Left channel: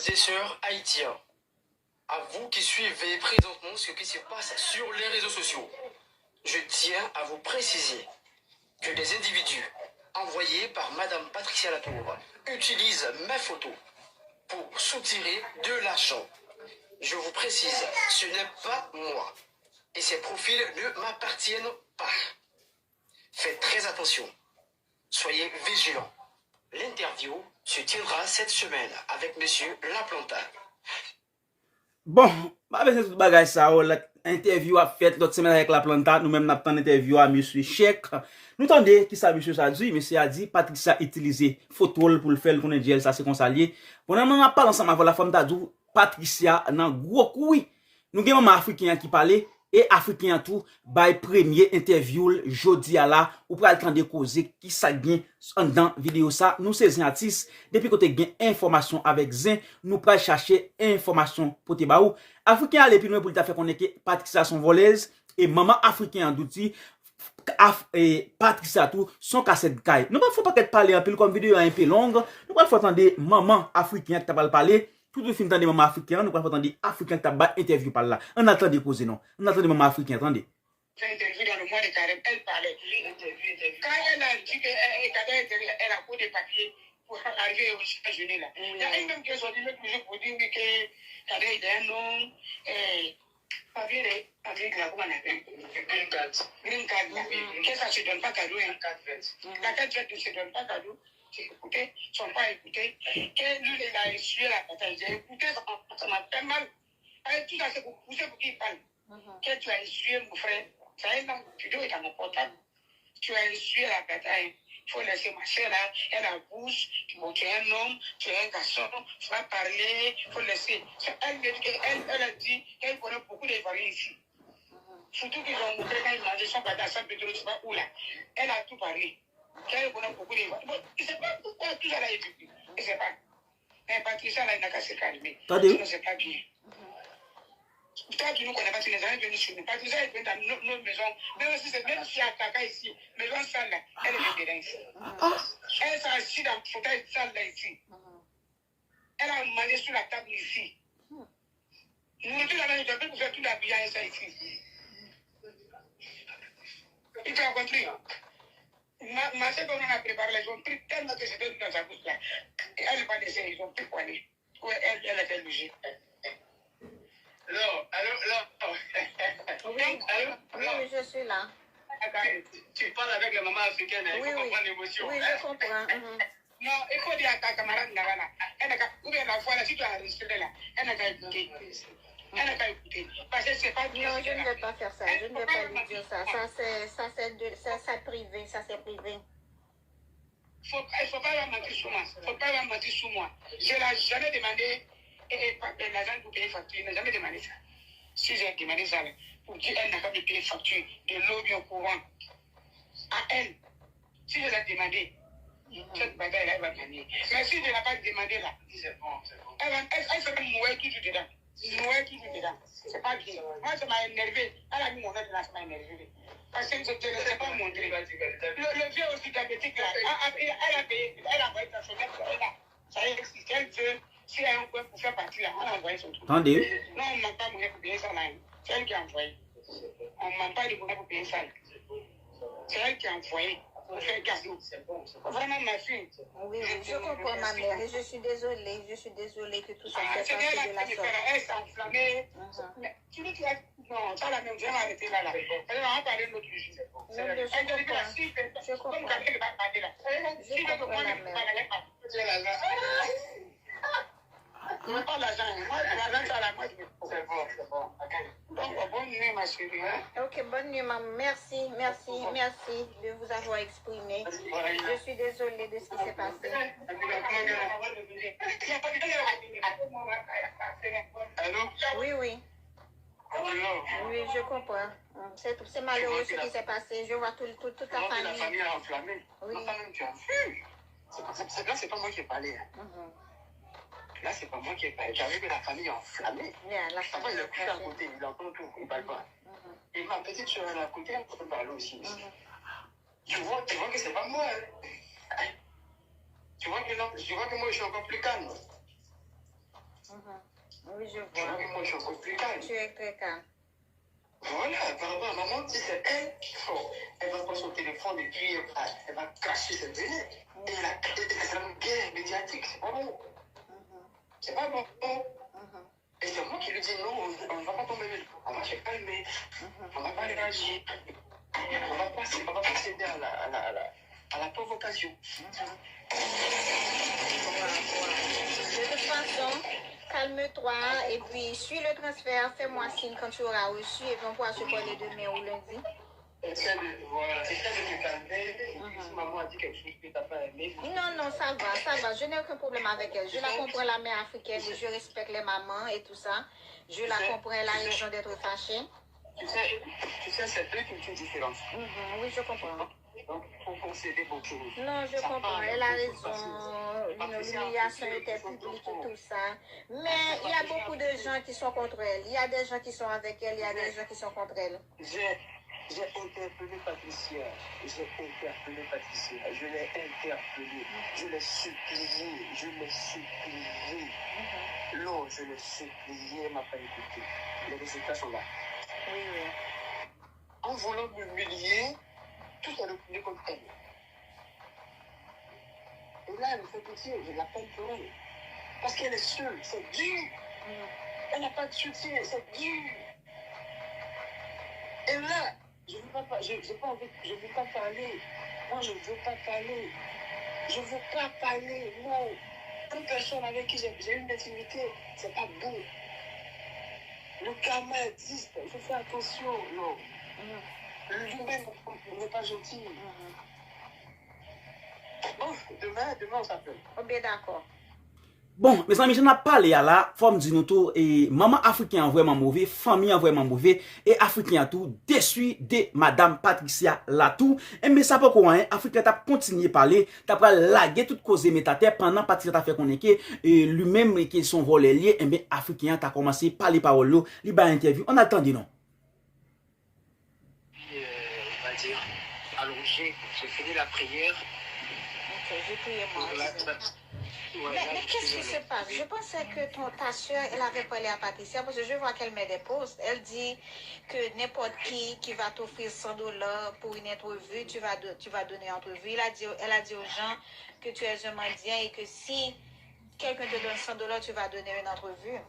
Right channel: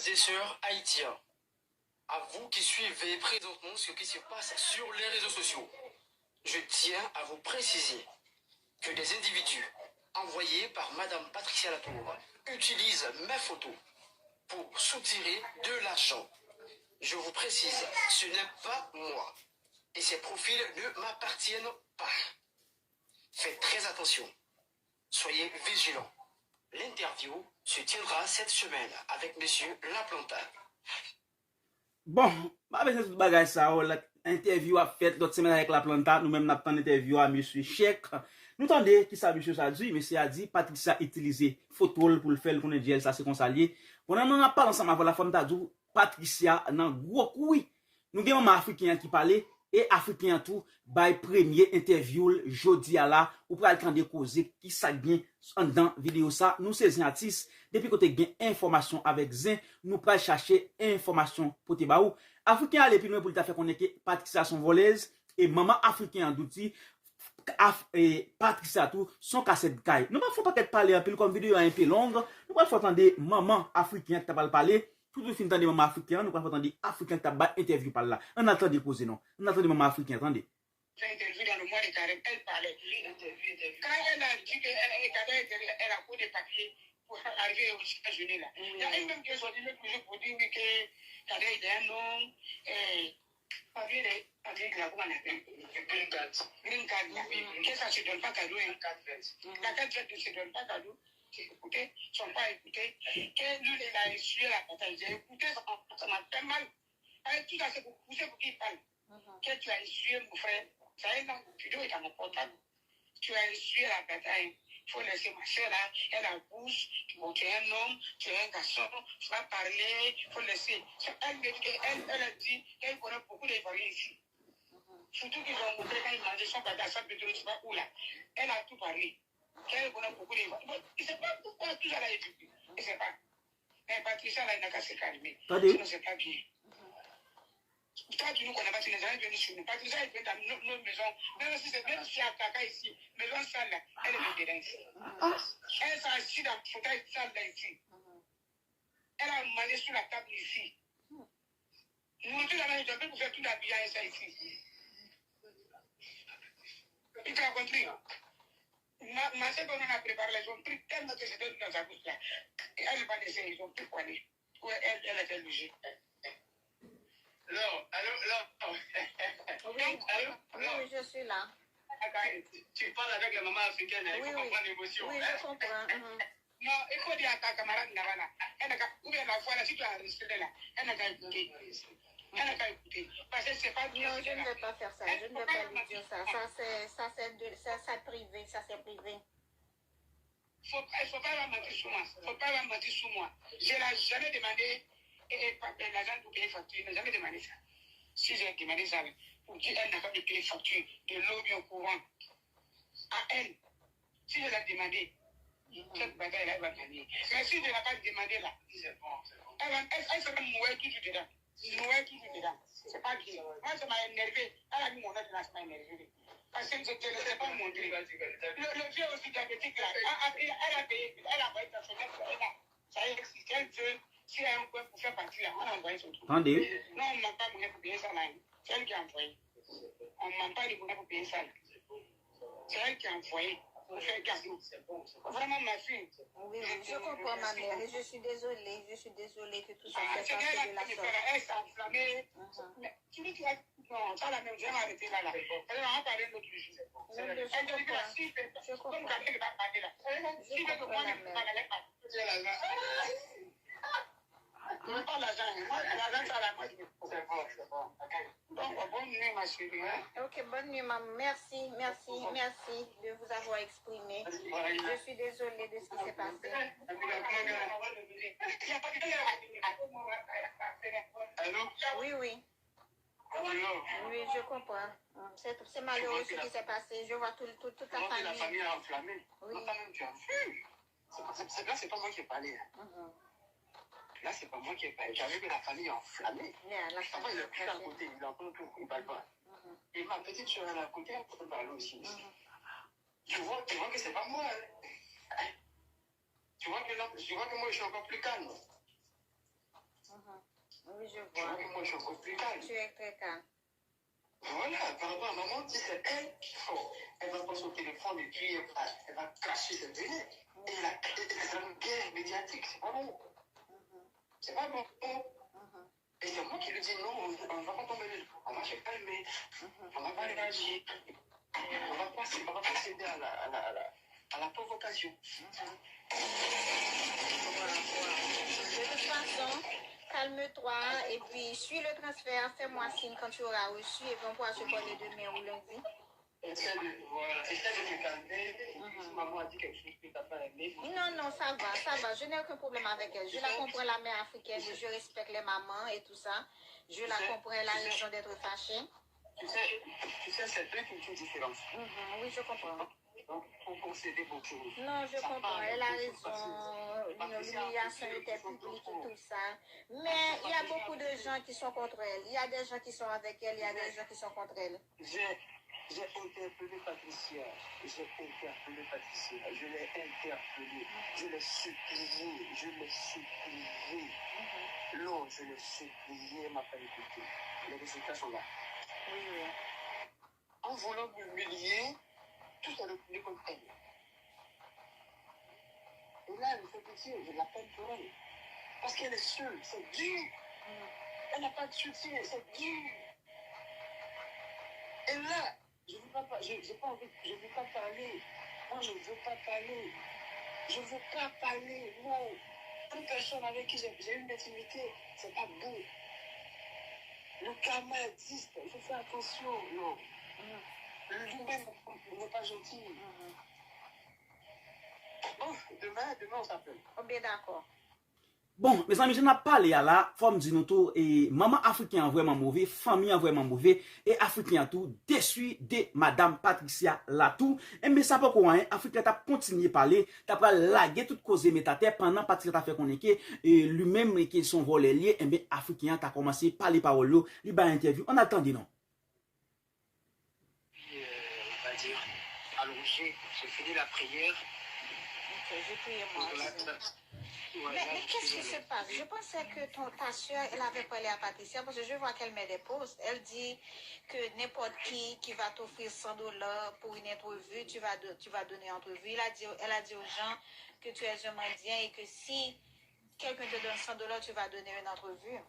frères et sœurs haïtiens, à vous qui suivez présentement ce qui se passe sur les réseaux sociaux, je tiens à vous préciser que des individus envoyés par Madame Patricia Latour utilisent mes photos pour soutirer de l'argent. Je vous précise, ce n'est pas moi. Et ces profils ne m'appartiennent pas. Faites très attention. Soyez vigilants. L'interview se tiendra cette semaine avec Monsieur Laplanta. Bon, pas besoin de tout bagage ça, l'interview a fait l'autre semaine avec Laplanta, nous-mêmes nous avons interview à monsieur Cheikh. Nous entendons qui ça monsieur ça dit, monsieur a dit Patricia utilisé photo pour le faire le connaître ça c'est comme ça lié. Pendant on a parlé ensemble avec la femme t'a dit Patricia nan gros coup. Nous avons un africain qui parlait et africain tout by premier interview jodi à la ou pral tande causer qui ça gain dans vidéo ça nous c'est artistes depuis côté gain information avec Zin nous pral chercher information pour te baou africain aller plus loin pour ta faire connaître Patricia son voleuse et maman africain d'outil et Patricia tout son cassette caille nous pas faut pas qu'être parler un peu comme vidéo un peu longue nous pas faut attendre maman africain qui t'a parler tout le film de maman africain, nous pouvons attendre africain qui t'a interview par là. On attend des causes, non. On attend maman africain, attendez. J'ai interview dans le mois de carême, elle parlait. Quand elle a dit qu'elle a posé des papiers pour arriver aux États-Unis là. Il y a une même qui est sortie toujours pour dire que Kadé est un nom, papier avec la comment on appelle Green card. Que ça se donne pas cadeau. La carte ne se donne pas cadeau. J'ai écouté, ils sont pas écoutés. Que lui, il a essuyé la bataille. J'ai écouté, ça m'a fait mal. Tout ça, c'est pour pousser pour qu'il parle. Que tu as essuyé, mon frère. Ça y est, la vidéo est dans mon portable. Tu as essuyé la bataille. Il faut laisser ma soeur là, elle a bouche. Bon, tu es un homme, tu es un garçon, tu vas parler, il faut laisser. Elle a dit qu'elle connaît beaucoup d'Ivoiriens ici. Surtout qu'ils ont montré quand ils mangeaient son bataille, sans pétrole, je sais pas où là. Elle a tout parlé. Qu'elle connaît beaucoup d'Ivoiriens. Bon, il ne sait pas pourquoi tout ça là est dit. Il ne sait pas. Mais Patricia là, il n'a qu'à se calmer. Ça ne sait pas bien. Toi, tu ne connais pas, tu n'es jamais venu chez nous. Patricia est venue dans nos maisons. Même si à Kaka ici, maison sale là, elle est dedans ici. Elle s'est assise dans le fauteuil sale là ici. Elle a mangé sur la table ici. Nous, tous les gens, pour faire tout l'habillage ici. Il t'a compris? Ma soeur, on a préparé, ils ont pris tellement que c'était dans sa bouche là. Et elle n'est pas décédée, ils ont pris poigné. Elle était logée. Allô. Oui, je suis là. Tu parles avec la maman africaine, il faut comprendre l'émotion. Oui, je comprends. Non, il faut dire à ta camarade Nagana, ou bien la fois là, si tu as enregistré là, elle n'a qu'à écouter. Elle n'a qu'à écouter. Parce que c'est pas bien. Non, je ne vais pas faire ça. Je ne vais pas lui dire ça. Ça, c'est privé. Ça, c'est privé. Il ne faut pas mentir sur moi. Il ne faut pas mentir sur moi. Je n'ai jamais demandé l'argent pour payer facture. Je n'ai jamais demandé ça. Si j'ai demandé ça, pour dire qu'elle n'a pas de payer facture, de l'eau bien au courant, à elle, si je l'ai demandé, cette bataille-là, elle va gagner. Mais si je ne l'ai pas demandé là, elle se met mourir toujours dedans. Mourir toujours dedans. C'est pas bien. Moi, ça m'a énervé. Elle a mis mon aide là, ça m'a énervé. Parce que je ne l'ai pas montré. Le vieux aussi diabétique là, elle a payé, elle a envoyé sa fenêtre là. Ça y est, si elle veut, si elle a un coin pour faire partie là, on a envoyé son truc. Attendez. Non, on ne manque pas de moyen pour payer ça là. C'est elle qui a envoyé. On ne manque pas de moyen pour payer ça là. C'est elle qui a envoyé. Pour faire cadeau. Vraiment, ma fille. Oui, je comprends ma mère. Et je suis désolée que tout ça s'est passé de la sorte. Elle s'est enflammée. Tu dis que non, pas la même, je vais m'arrêter là. Elle va en parler l'autre jour. Je comprends la mère. Non, pas l'argent. L'argent, ça la moitié. C'est bon. Donc, bonne nuit, ma chérie. Ok, bonne nuit, maman. Merci de vous avoir exprimé. Je suis désolée de ce qui s'est passé. Allô? Oui. Oui, je comprends. C'est malheureux ce qui s'est passé. Je vois toute la famille. La famille a enflammé. Oui. Ma femme, tu as vu? Là, c'est pas moi qui ai parlé. Là, c'est pas moi qui ai parlé. J'avais vu la famille enflammée. La famille il est couché à côté, il entend tout, il parle pas. Et ma petite soeur, elle est à côté, elle peut parler aussi. Tu vois que c'est pas moi. Tu vois que moi, je suis encore plus calme. Oui, je Tu vois vois. que moi, je suis encore plus calme. Tu es très calme. Voilà, par rapport à maman, si c'est elle qui faut, elle va prendre son téléphone et puis elle va cracher cette veine. Et c'est une guerre médiatique, c'est pas bon. C'est pas bon. Et c'est moi qui lui dis non, on ne va pas tomber, on va se calmer, on va pas réagir, on va pas céder à la provocation. De toute façon, calme-toi et puis suis le transfert, fais-moi signe quand tu auras reçu et puis on pourra se parler demain ou lundi. Essaie de me calmer. Si maman a dit quelque chose que tu n'as pas aimé. Non, non, ça va. Je n'ai aucun problème avec elle. Je la comprends, la mère africaine, je respecte les mamans et tout ça. Je la comprends, elle a raison d'être fâchée. Tu sais, c'est deux cultures différentes. Oui, je comprends. Donc, il faut concéder beaucoup. Non, je comprends, elle a raison. L'humiliation était publique et tout ça. Mais il y a beaucoup de gens qui sont contre elle. Il y a des gens qui sont avec elle, il y a des gens qui sont contre elle. J'ai interpellé Patricia. Je l'ai interpellée. Je l'ai supplié. Non, je l'ai supplié, elle m'a pas écouté. Les résultats sont là. Oui. En voulant m'humilier, tout est retourné contre elle. Et là, elle me fait pitié, j'ai de la peine pour elle. Parce qu'elle est seule, c'est dur. Elle n'a pas de soutien, c'est dur. Et là, je ne veux pas parler. Moi, je ne veux pas parler. Je ne veux pas parler, non. Une personne avec qui j'ai une intimité, c'est pas beau. Le karma existe, il faut faire attention, non. L'humain n'est pas gentil. Bon, demain on s'appelle. Oh, bien d'accord. Bon, mes amis, je n'ai pas parlé à la forme du nous tout et maman africaine vraiment mauvais, famille vraiment mauvais et africain tout déçu de madame Patricia Latou. Et mais ça pas quoi hein, africain t'a continué à parler, t'a pas laguer toute cause métateur pendant Patricia t'a fait connaître et lui-même qui son volé lié et mais africain t'a commencé à parler parole là, li ba interview. On attendait non. On va dire allongé, j'ai fini la prière. Ok, j'ai prié moi. Mais qu'est-ce qui se passe? Je pensais que ta soeur, elle avait parlé à Patricia parce que je vois qu'elle met des posts. Elle dit que n'importe qui va t'offrir 100 $ pour une entrevue, tu vas donner une entrevue. Elle a dit aux gens que tu es un Mandien et que si quelqu'un te donne 100 $, tu vas donner une entrevue.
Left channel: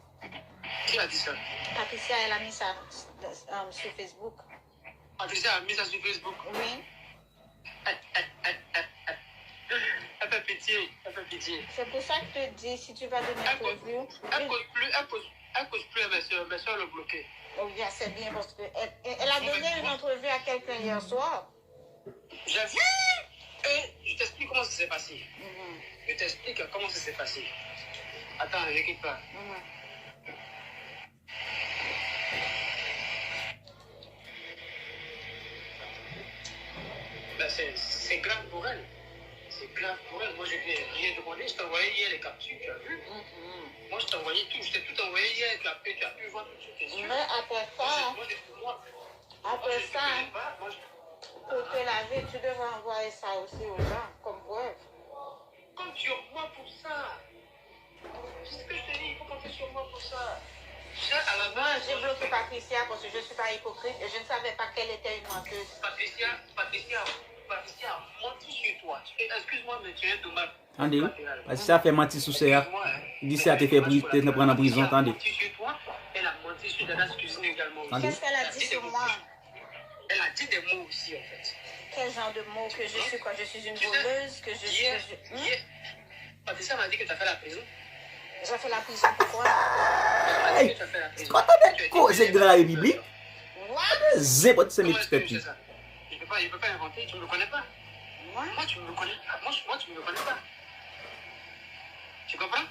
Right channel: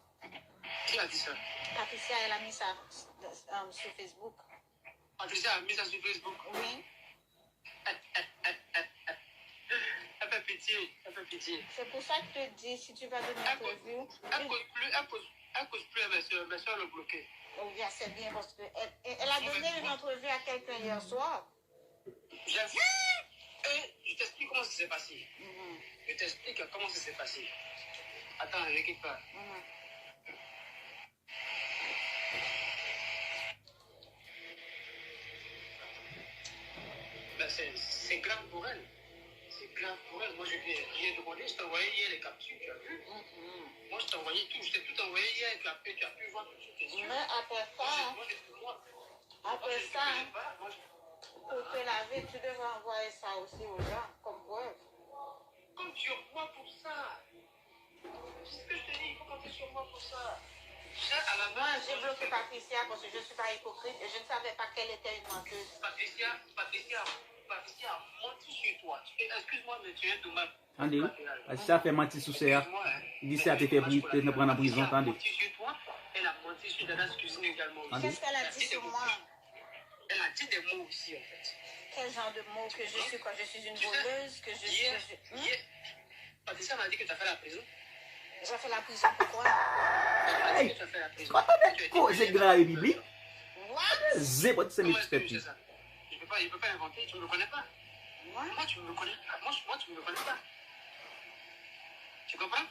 Qui a dit ça? Patricia, elle a mis ça sur Facebook. Patricia a mis ça sur Facebook? Oui. Elle fait pitié. C'est pour ça que je te dis, si tu vas donner une entrevue... Elle cause plus, mes soeurs l'ont bloqué. Oh, bien, c'est bien parce qu'elle a donné une entrevue à quelqu'un hier soir. J'ai vu. Et je t'explique comment ça s'est passé. Je t'explique comment ça s'est passé. Attends, ne quitte pas. Ben, c'est grave pour elle. C'est grave pour elle. Moi, je n'ai rien demandé. Je t'ai envoyé hier les captures, tu as vu? Moi, je t'ai envoyé tout. Je t'ai tout envoyé hier. Tu as pu voir tout sur tes yeux. Mais après ça, pour te laver, tu devrais envoyer ça aussi aux gens, comme preuve. Compte sur moi pour ça. C'est ce que je te dis. Il faut compter sur moi pour ça. Moi, j'ai bloqué Patricia parce que je ne suis pas hypocrite et je ne savais pas qu'elle était une menteuse. Patricia a menti sur toi. Excuse-moi, mais tu es un dommage. Attendez, Patricia fait mentir sous ça. Il dit ça te fait prendre en prison, attendez. Elle a menti sur toi, elle a menti sur Dada's cuisine également. Qu'est-ce qu'elle a dit sur moi? Elle a dit des mots aussi, en fait. Quel genre de mots que je suis quand je suis une voleuse, que je suis... Patricia m'a dit que tu as fait la prison. J'ai fait la prison pourquoi? Hey, quand on est causé de la Bible, c'est pas de ce petit. Il ne peut pas inventer, tu ne me connais pas. Moi, tu ne me connais pas. Moi, tu ne me connais pas. Tu comprends?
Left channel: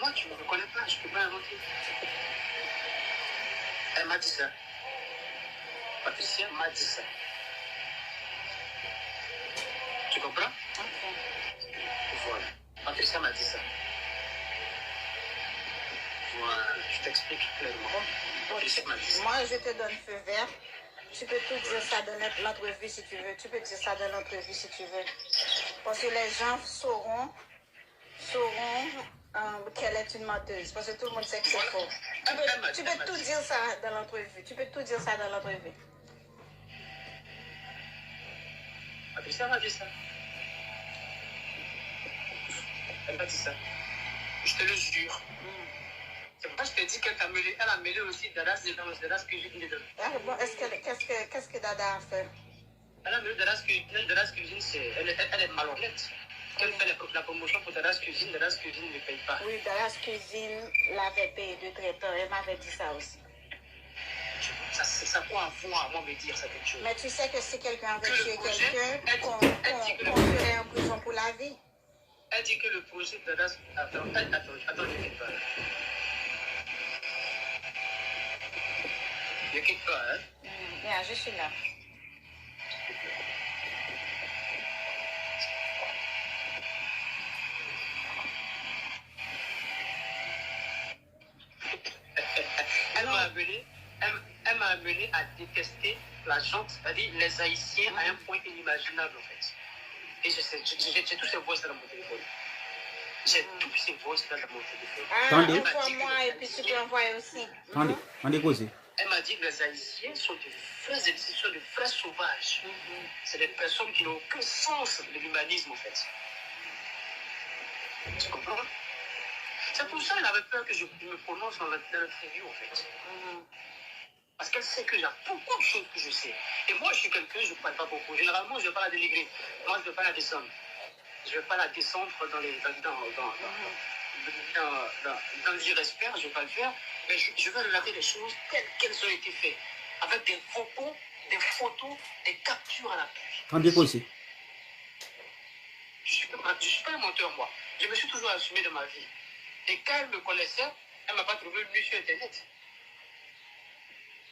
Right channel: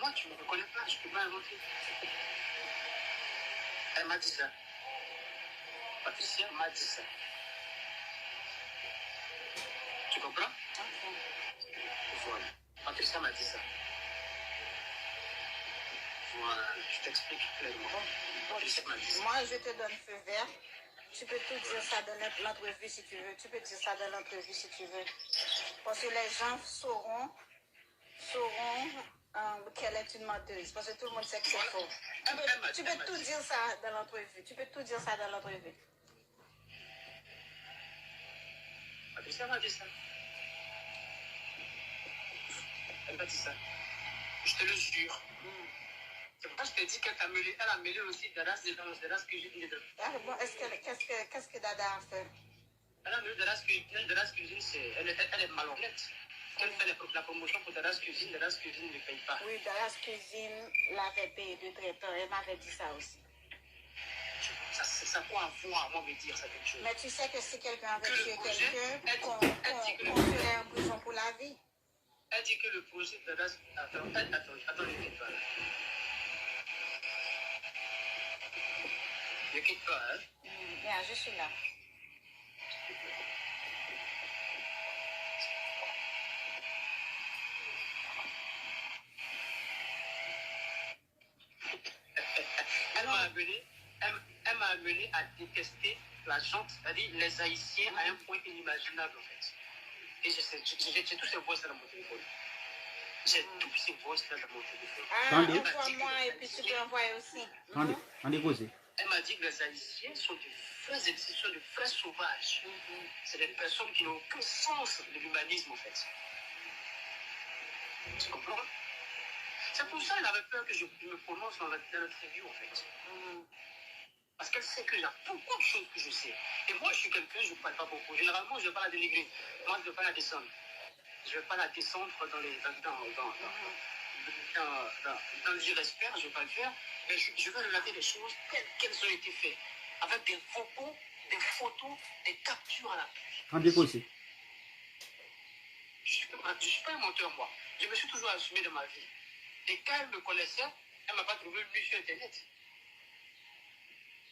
Moi, tu ne me connais pas, je ne peux pas inventer. Elle m'a dit ça. Patricia m'a dit ça. Tu comprends? Voilà. Patricia m'a dit ça. Voilà, je t'explique clairement. Patricia m'a dit ça. Moi, je te donne feu vert. Tu peux tout dire ça dans l'entrevue si tu veux. Tu peux dire ça dans l'entrevue si tu veux. Parce que les gens sauront qu'elle est une menteuse, parce que tout le monde sait que c'est Voilà. faux. Tu peux tout dire ça dans l'entrevue. Tu peux tout dire ça dans l'entrevue. Patricia m'a dit ça. Elle m'a dit ça. Je te le jure. C'est pour ça que je te dis qu'elle a mêlé aussi Dadas Dadas cuisine dedans. Ah, bon, qu'est-ce que Dada a fait? Elle a mêlé Dadas cuisine, elle est malhonnête. Quand elle fait la promotion pour Dadas cuisine ne paye pas. Oui, Dadas Cuisine l'avait payé de traiteur. Elle m'avait dit ça aussi. Ça quoi avoir à moi me dire ça quelque chose. Mais tu sais que si quelqu'un avait Que le tué projet, quelqu'un, qu'on elle serait en prison pour la vie. Elle dit que le projet de Dadas... Attends, je ne quitte pas. Ne quitte pas, hein. Bien, je suis là. Elle m'a amené à détester la gente, c'est-à-dire les Haïtiens à un point inimaginable en fait. Et j'ai tous ces voix dans mon téléphone. J'ai tous ces voix dans mon téléphone. Ah, envoie-moi et puis tu peux envoyer aussi. Attendez, causez. Elle m'a dit que les Haïtiens sont de vrais sauvages. C'est des personnes qui n'ont aucun sens de l'humanisme en fait. Tu comprends? C'est pour ça qu'elle avait peur que je me prononce dans l'interview en fait. Parce qu'elle sait que j'ai beaucoup de choses que je sais. Et moi, je suis quelqu'un, je ne parle pas beaucoup. Généralement, je ne vais pas la dénigrer. Moi, je ne vais pas la descendre. Je ne vais pas la descendre dans l'irrespect, je ne vais pas le faire. Mais je vais relater les choses telles qu'elles ont été faites. Avec des photos, des captures à l'appui. Attendez, causez. Je ne suis pas un menteur, moi. Je me suis toujours assumé dans ma vie. Et quand elle me connaissait, elle ne m'a pas trouvé nu sur Internet.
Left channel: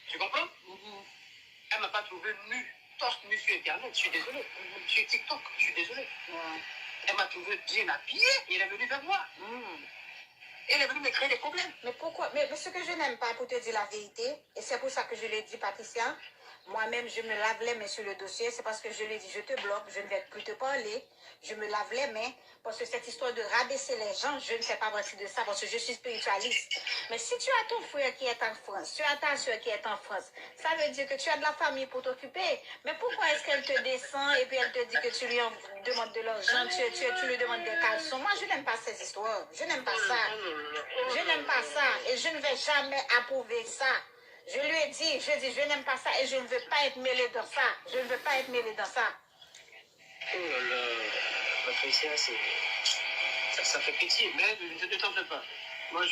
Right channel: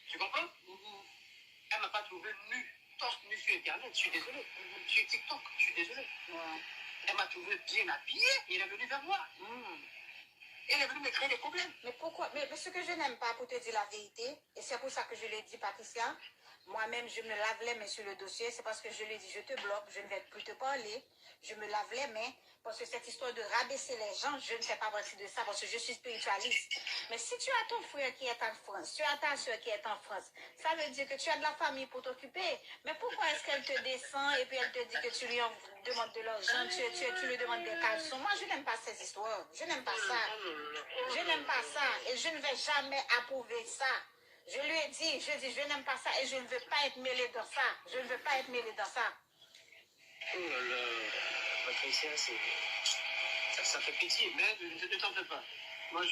Tu comprends? Elle ne m'a pas trouvé nu, torse nu sur Internet. Je suis désolé. Sur TikTok, je suis désolé. Elle m'a trouvé bien habillée et elle est venue vers moi. Elle est venue me créer des problèmes. Mais pourquoi? Mais ce que je n'aime pas, pour te dire la vérité, et c'est pour ça que je l'ai dit, Patricia, moi-même, je me lave les mains sur le dossier, c'est parce que je l'ai dit, je te bloque, je ne vais plus te parler, je me lave les mains, parce que cette histoire de rabaisser les gens, je ne fais pas partie de ça, parce que je suis spiritualiste. Mais si tu as ton frère qui est en France, tu as ta soeur qui est en France, ça veut dire que tu as de la famille pour t'occuper. Mais pourquoi est-ce qu'elle te descend et puis elle te dit que tu lui demandes de l'argent, tu lui demandes des caleçons? Moi, je n'aime pas ces histoires. Je n'aime pas ça. Je n'aime pas ça. Et je ne vais jamais approuver ça. Je lui ai dit, je n'aime pas ça et je ne veux pas être mêlée dans ça. Je ne veux pas être mêlée dans ça. Oh là là, Patricia, ça fait pitié, mais ne t'en fais pas. Moi, je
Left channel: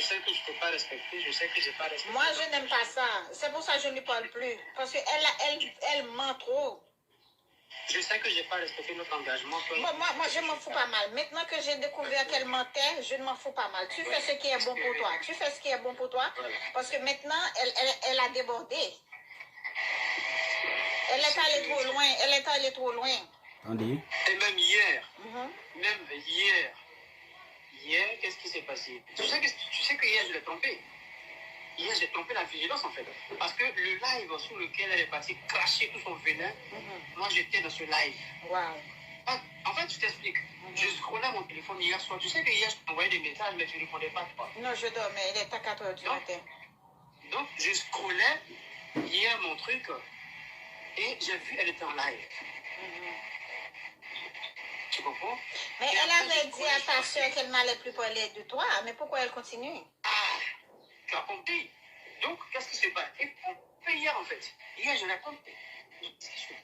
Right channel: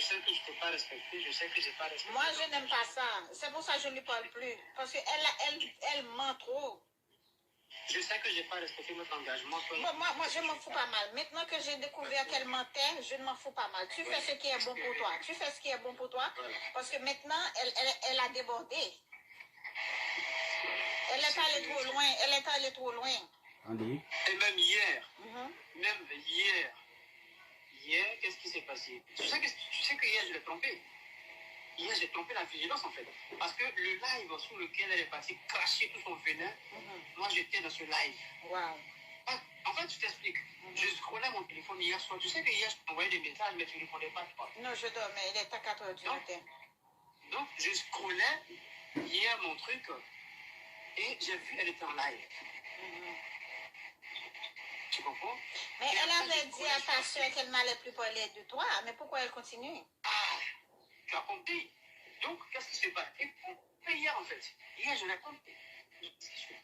sais que je ne t'ai pas respecté, je sais que je n'ai pas respecté. Moi, je n'aime pas ça. C'est pour ça que je ne lui parle plus. Parce qu'elle ment trop. Je sais que je n'ai pas respecté notre engagement. Bon, moi, je m'en fous pas mal. Maintenant que j'ai découvert qu'elle mentait, je ne m'en fous pas mal. Tu fais ce qui est bon pour toi. Tu fais ce qui est bon pour toi. Parce que maintenant, elle a débordé. Elle est allée trop loin. Elle est allée trop loin. Attendez. Et même hier, qu'est-ce qui s'est passé? Tu sais que hier, je l'ai trompé. Hier, j'ai trompé la vigilance, en fait. Parce que le live sur lequel elle est partie cracher tout son venin, moi, j'étais dans ce live. Wow. En fait, je t'explique. Je scrollais mon téléphone hier soir. Tu sais que hier, je t'envoyais des messages, mais tu ne répondais pas, toi. Non, je dormais. Il est à 4 heures du matin. Donc, je scrollais hier mon truc et j'ai vu elle était en live. Tu comprends? Mais elle avait dit à ta soeur qu'elle n'allait plus parler de toi. Mais pourquoi elle continue? Ah, tu as compris. Donc, qu'est-ce qui se passe? Et hier, en fait. Hier, je l'ai compris. Qu'est-ce qui se passe?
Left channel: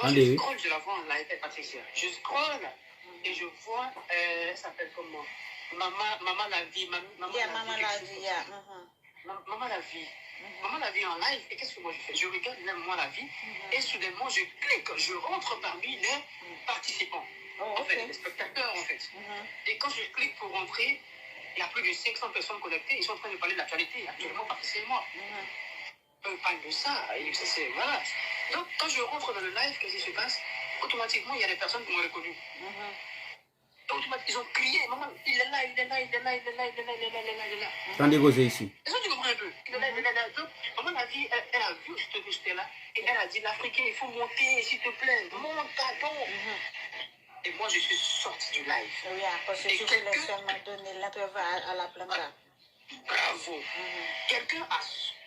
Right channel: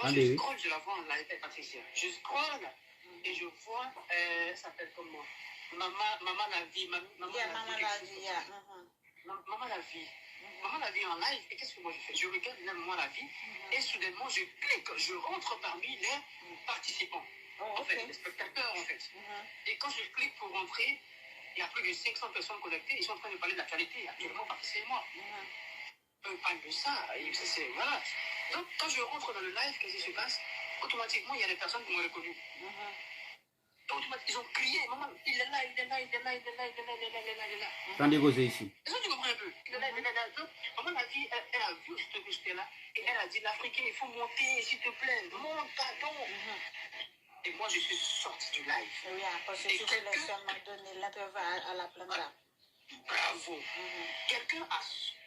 Moi, je scroll, je la vois en live, Patricia. Je scroll et je vois, elle s'appelle comment? Maman la vie. Maman la vie. Maman la vie en live. Et qu'est-ce que moi je fais? Je regarde même moi la vie. Et soudainement, je clique. Je rentre parmi les participants. En fait, les spectateurs, en fait. Et quand je clique pour rentrer, il y a plus de 500 personnes connectées. Ils sont en train de parler de l'actualité. Actuellement, partiellement. On parle de ça. Et voilà. Donc, quand je rentre dans le live, qu'est-ce qui se passe? Automatiquement, il y a des personnes qui m'ont reconnu. Ils ont crié, maman, il est là, il est là, il est là, il est là, il est là, il est là, il est là, il est là. Attendez, causez ici. Est-ce que tu comprends un peu? Il est là, il est là. Donc, maman a dit, elle a vu que j'étais là. Et elle a dit, l'Africain, il faut monter, s'il te plaît. Monte, pardon. Et moi, je suis sorti du live. Oui, parce que Et tu voulais quelqu'un- seulement donner l'interview à la planta. Bravo. Quelqu'un a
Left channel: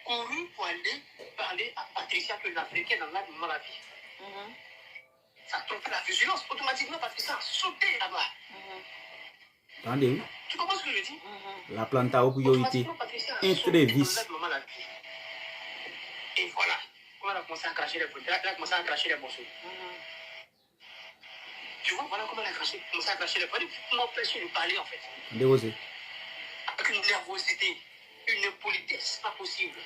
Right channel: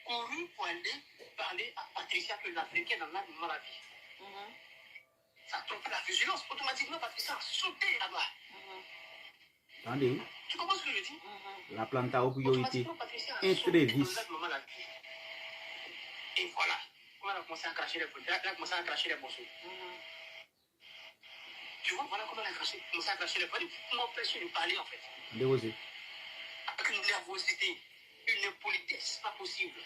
couru pour aller parler à Patricia que l'Africain dans la maladie. Ça a trompé la vigilance. Automatiquement, Patricia a sauté là-bas. Attendez, oui. Tu comprends ce que je dis? La planta a priorité. Automatiquement, Patricia a sauté Entreviste. dans la maladie. Et voilà. Quand elle a commencé à cracher les bouteilles, elle a commencé à cracher les morceaux. Tu vois, voilà comment elle a commencé à cracher les bouteilles pour m'empêcher de parler en fait. Dérosé. Avec une nervosité, une impolitesse, pas possible.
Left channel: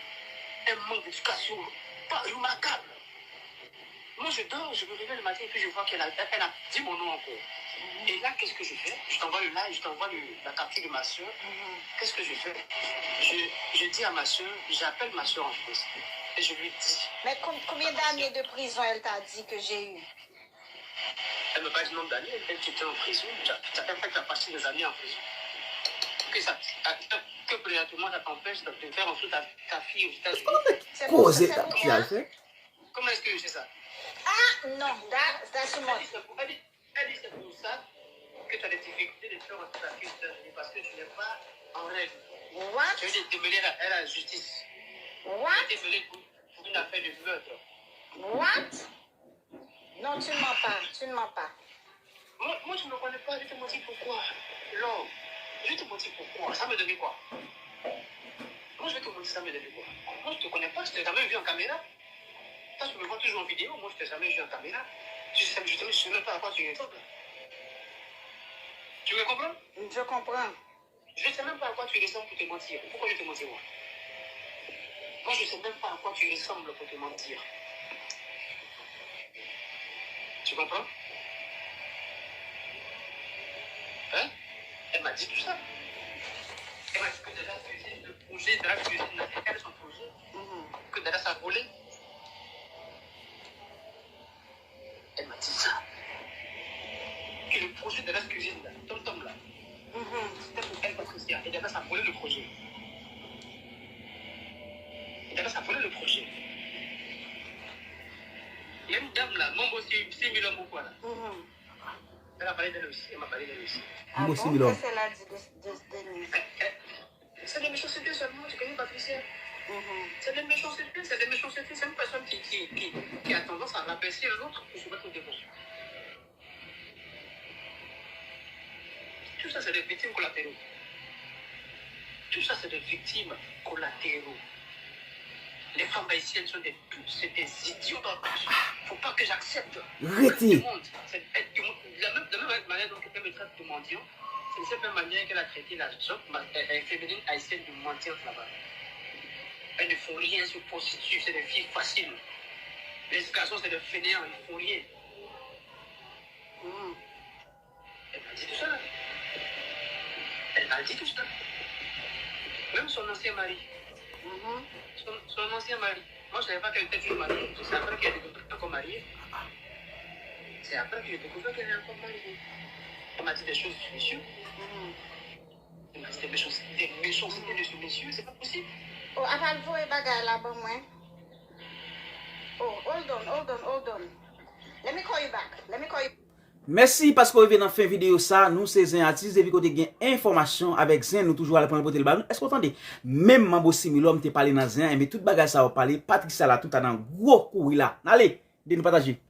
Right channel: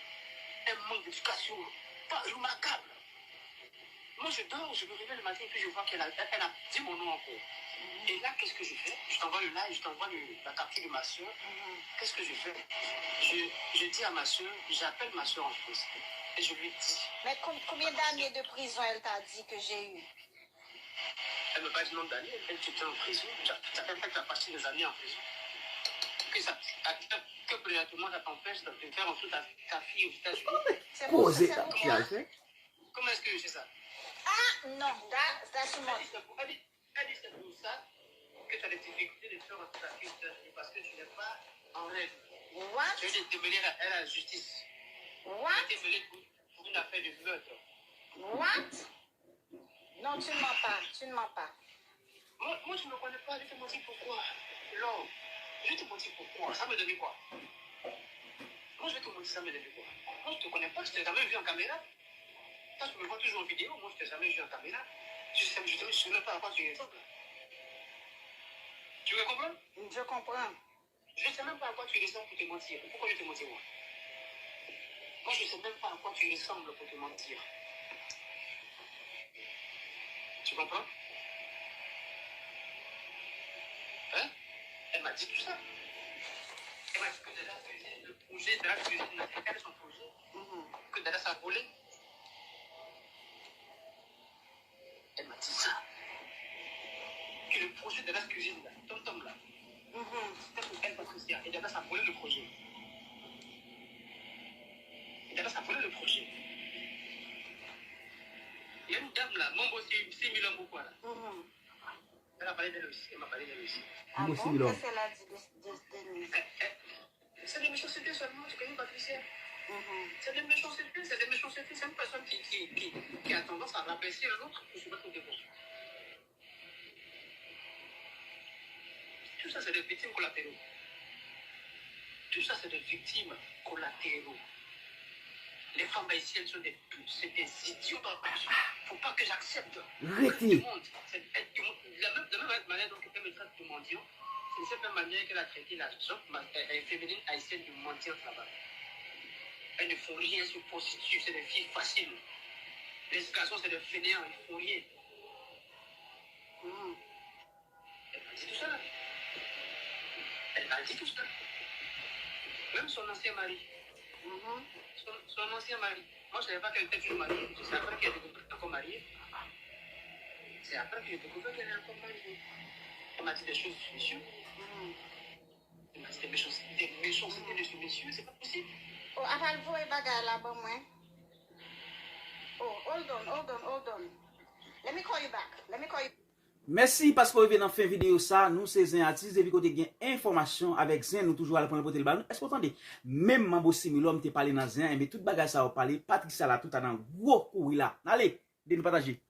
Un manque d'éducation, pas remarquable. Moi, je dors, je me réveille le matin et puis je vois qu'elle a dit mon nom encore. Et là, qu'est-ce que je fais? Je t'envoie le live, je t'envoie la capture de ma soeur. Qu'est-ce que je fais? Je dis à ma soeur, j'appelle ma soeur en France. Et je lui dis. Mais combien d'années de prison elle t'a dit que j'ai eu? Elle me passe le nombre d'années, elle était en prison. Ça fait que tu as passé des années en prison. Que présentement, ça t'empêche de faire en dessous ta fille aux États-Unis. Posez ta petite. Comment est-ce que je sais ça? Ah, non, that's moi. Elle dit c'est pour ça que tu as des difficultés de faire en dessous ta fille aux États-Unis parce que tu n'es pas en règle. What? Tu veux démêler à la justice. What? Démêler pour une affaire de meurtre. What? Non, tu ne mens pas, tu ne mens pas. Moi, tu ne me connais pas, je te mentir pourquoi. Non, je te mentir pourquoi. Ça me devait quoi? Moi, je vais te mentir, ça me devait quoi? Moi, je ne te connais pas, je t'ai jamais vu en caméra. Toi, tu me vois toujours en vidéo, moi, je ne t'ai jamais vu en caméra. Je ne sais même pas à quoi tu ressembles. Tu veux comprendre? Je comprends. Je ne sais même pas à quoi tu ressembles pour te mentir. Pourquoi je te mentir, moi? Moi, je ne sais même pas à quoi tu ressembles pour te mentir. Tu comprends? Hein? Elle m'a dit tout ça. Elle m'a dit que Dada faisait le projet, Dada faisait son projet, que Dada s'est volé. Elle m'a dit ça. Que le projet de la cuisine, là, Tom là, c'était pour elle, Patricia. Et Dada s'est volé le projet. Et Dada s'est volé le projet. Il y a une dame là, Mambo 6 millions pourquoi là. Elle a parlé d'elle aussi, elle m'a parlé d'elle aussi. Ah bon? Qu'est-ce qu'elle a dit de nous? C'est des méchancetés seulement, tu connais Patricia? C'est des méchancetés, c'est une personne qui a tendance à rabaisser l'autre pour se mettre au devant. Tout ça, c'est des victimes collatéraux. Tout ça, c'est des victimes collatéraux. Les femmes haïtiennes sont des idiots. Faut pas que j'accepte. Arrêtez. De la même manière dont elle me traite de mendiant, c'est de cette même manière qu'elle a traité la jeune féminine haïtienne de mendiante là-bas. Elles ne font rien, se prostituent, c'est des filles faciles. Les garçons, c'est des fainéants, ils ne font rien. Elle m'a dit tout ça. Elle m'a dit tout ça. Même son ancien mari. Son ancien mari. Moi, je ne savais pas qu'elle était une mariée. C'est après qu'elle était encore mariée. C'est après que j'ai découvert qu'elle est encore mariée. Elle m'a dit des choses de messieurs. Elle m'a dit des méchancetés de ce monsieur. C'est pas possible. Oh, avant vous et bagarre là-bas, moi. Oh, hold on. Let me call you back. Merci parce que vous venez dans fin vidéo ça. Nous, c'est un artiste, et vu qu'on a une information avec Zin, nous toujours à la prendre le ballon. Est-ce que vous entendez? Même Mambo Similom te parlé dans Zin, mais toute bagarre ça va parler. Patricia là, tout a dans gros coup là. Allez, de nous partager.